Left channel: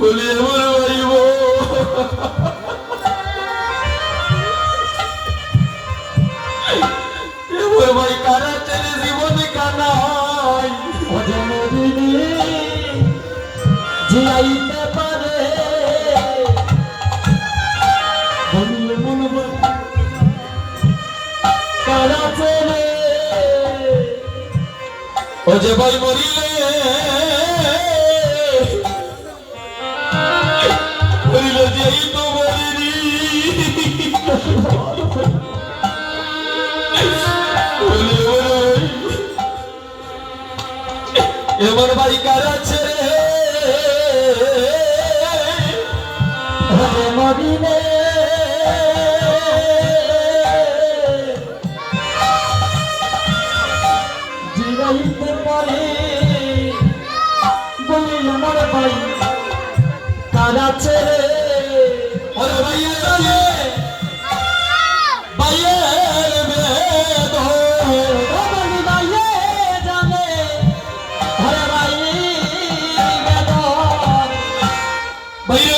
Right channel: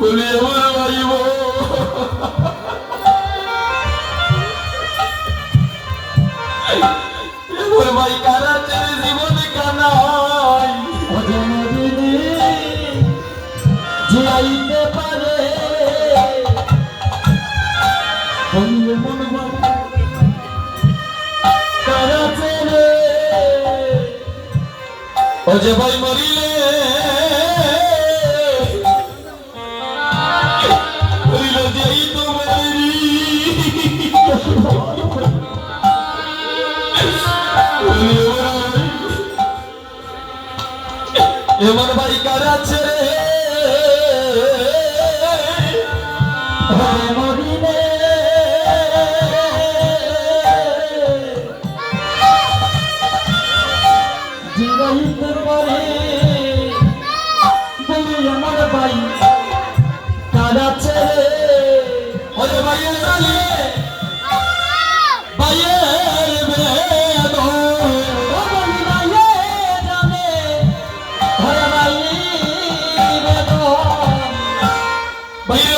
বলি আমার বাড়িব ভাই কানা ছেলে জীবনে কানা হয় জিয়াইতে পারে কানা ছেলে ও যে ভাই মরিলে এবার ভাই কার আছে? ಬೈರವ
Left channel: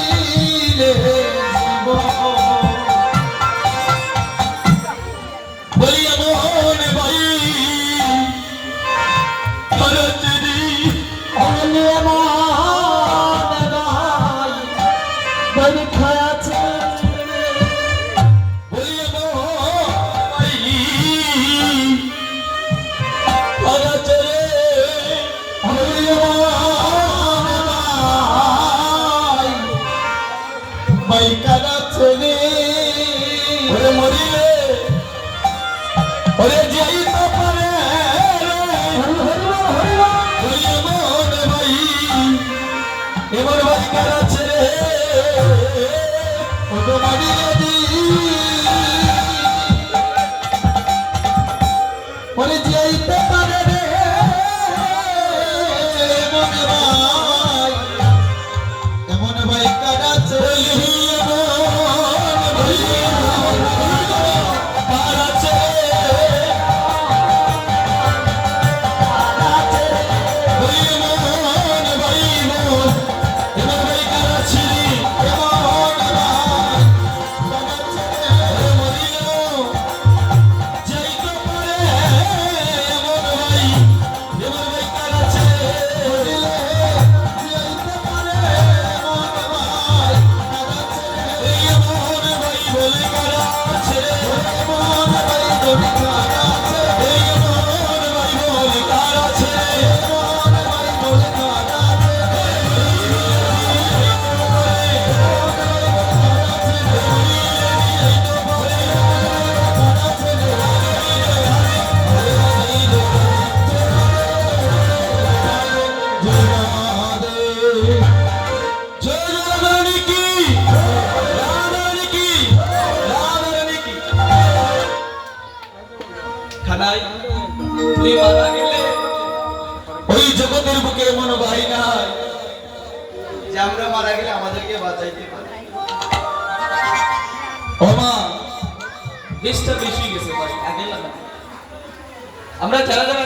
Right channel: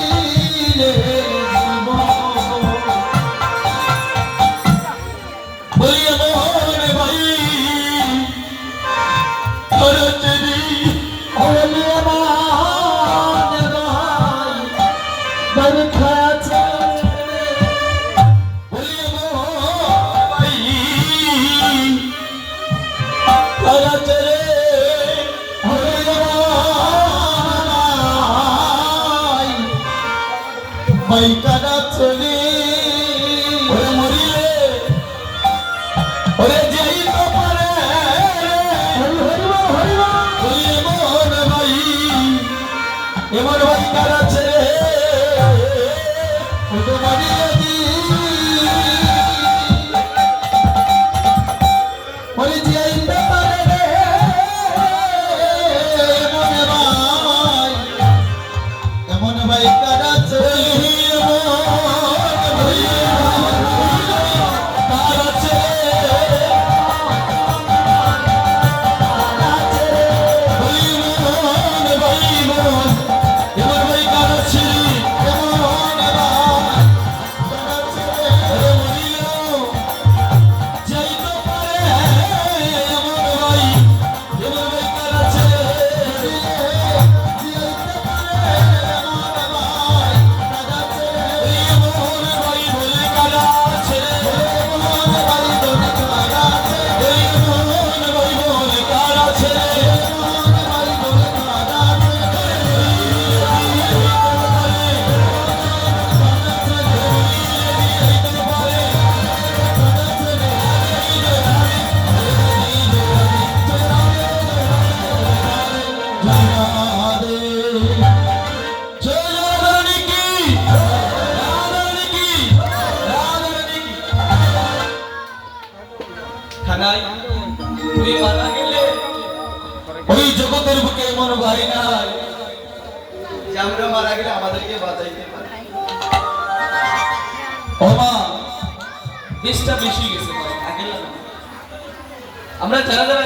এমন ভাই কারা ছেড়ে ও তো দাঁড়িয়ে দিই বুকে এমন ভাই নাই। যে আমরা মারা গেলে আমাদেরকে বাঁচাইতে পারে। ও মা বিষটা বেশি গেছে ভাই আগে না আমরা যারা যারা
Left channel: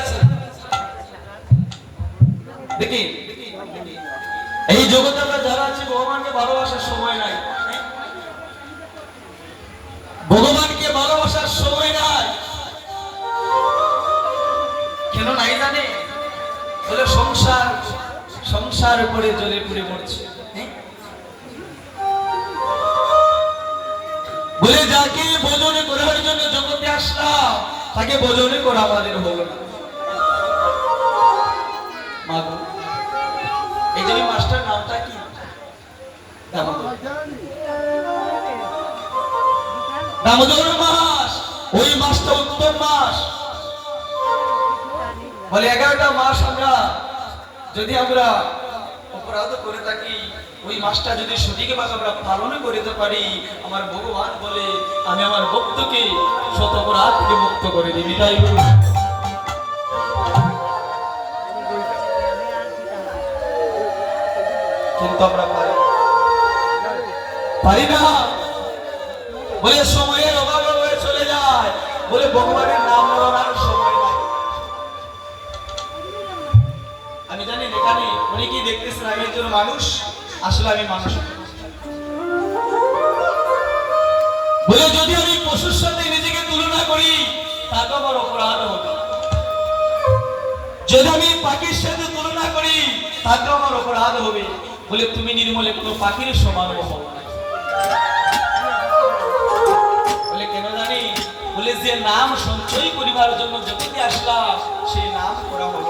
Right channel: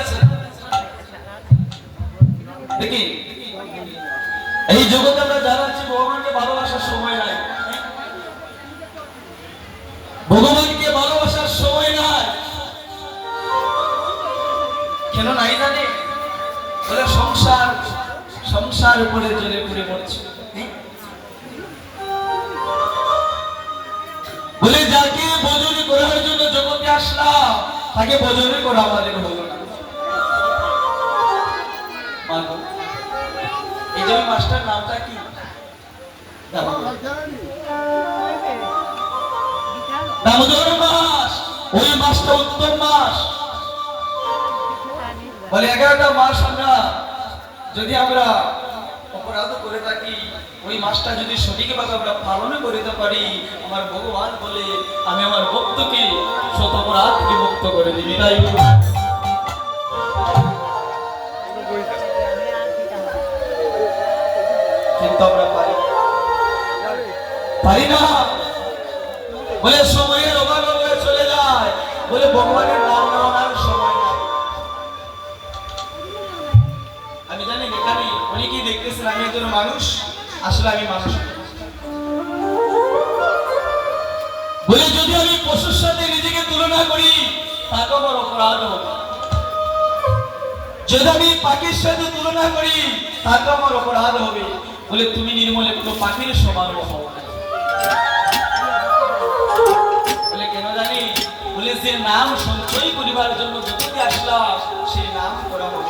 দেখি এই জগতে আমরা যারা আছি তাকে ভোজনে করা আমাদের না এই যে মাস্টার নামটা কি। দামোদর মাস ওই মাসটা উত্তম মাস বলে, এগারোটা মাস আমরা, যদি আমরা অপরাধ করে থাকি ওই মাসটা যদি সঠিকভাবে আমরা পালন করতে পারি, আমার ভগবান বলে, আমি আমার ভক্তকে শত অপরাধ থেকে মুক্ত করে দিবি, তাই চলে যায়। বলে ভগবানের নাম সময় আমি জানি দেখতেছেন, আমি একজন মানুষ। আসলে আমি মানুষ। বলে যদি আমি পশুর সাথে নিজেকে তুলনা করি তাকে আমার অপরাধ হবে। যদি আমি পাখির সাথে তুলনা করি তাকে আমার অপরাধ হবে। বলে তুমি নির্মলে কোনো পাখির সমান হও বলে কেন জানি? বলে যে নাম সঞ্চয় করিবার জন্য জগতে আসলাম সেই নাম করা হলো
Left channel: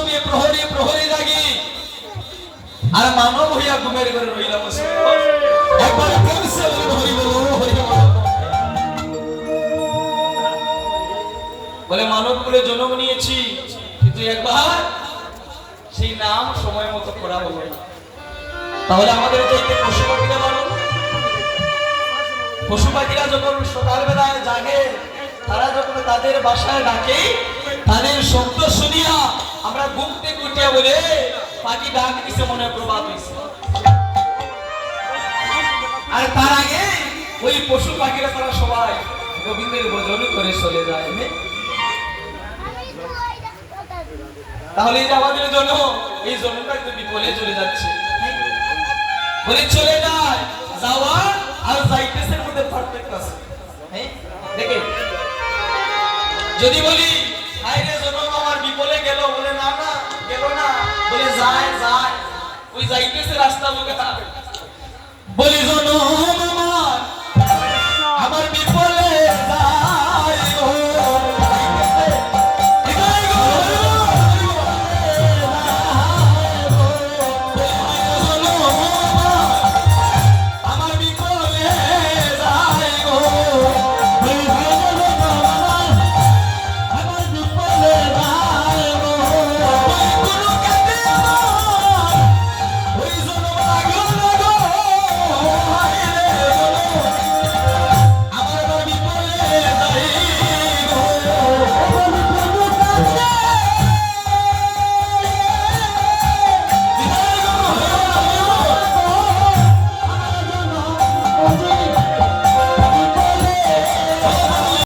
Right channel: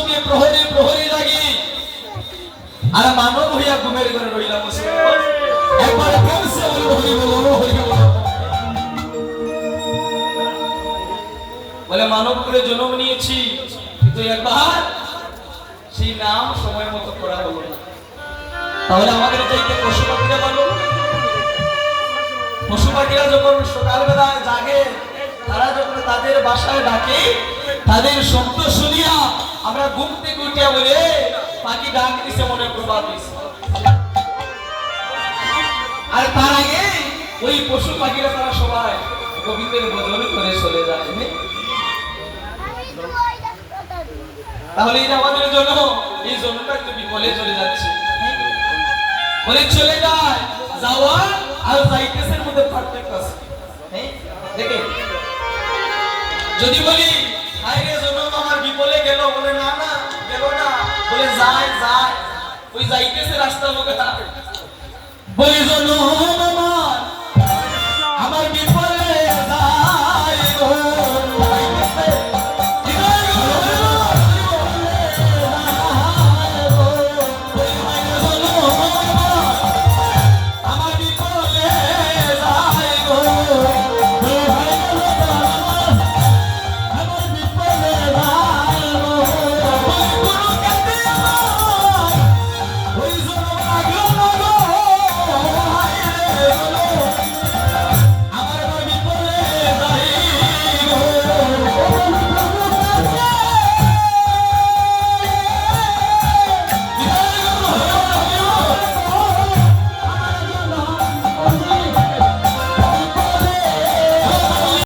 আর মানব হইয়া ঘুমের ঘরে রইলাম বলে মানব করে জন্ম নিয়েছি, কিন্তু একবার সেই নাম সময় মতো করা হলো তাহলে আমাদের চাইতে পশু পাখিরা ভালো পশু পাখিরা যখন সকালবেলায় জাগে, তারা যখন তাদের বাসায় ডাকে, তাদের শব্দ শুনিয়া আমরা ঘুম থেকে উঠে বলে পাখি ডাক দিছে মনে দিছে আর তার আগে ওই পশু পাখিরা তারা সবাই গোবিন্দের ভজন করে চলে যায়? তাহলে আমাদের জন্য এই জন্মটা একটু বিপলে চলে যাচ্ছে বলে চলে যায় যাওয়া আর যাইতেছের মধ্যে পারফেক্ট আছে? দেখে যদি বলি বলে যায় যায় ওই রাস্তা মুখে বলি জন্ম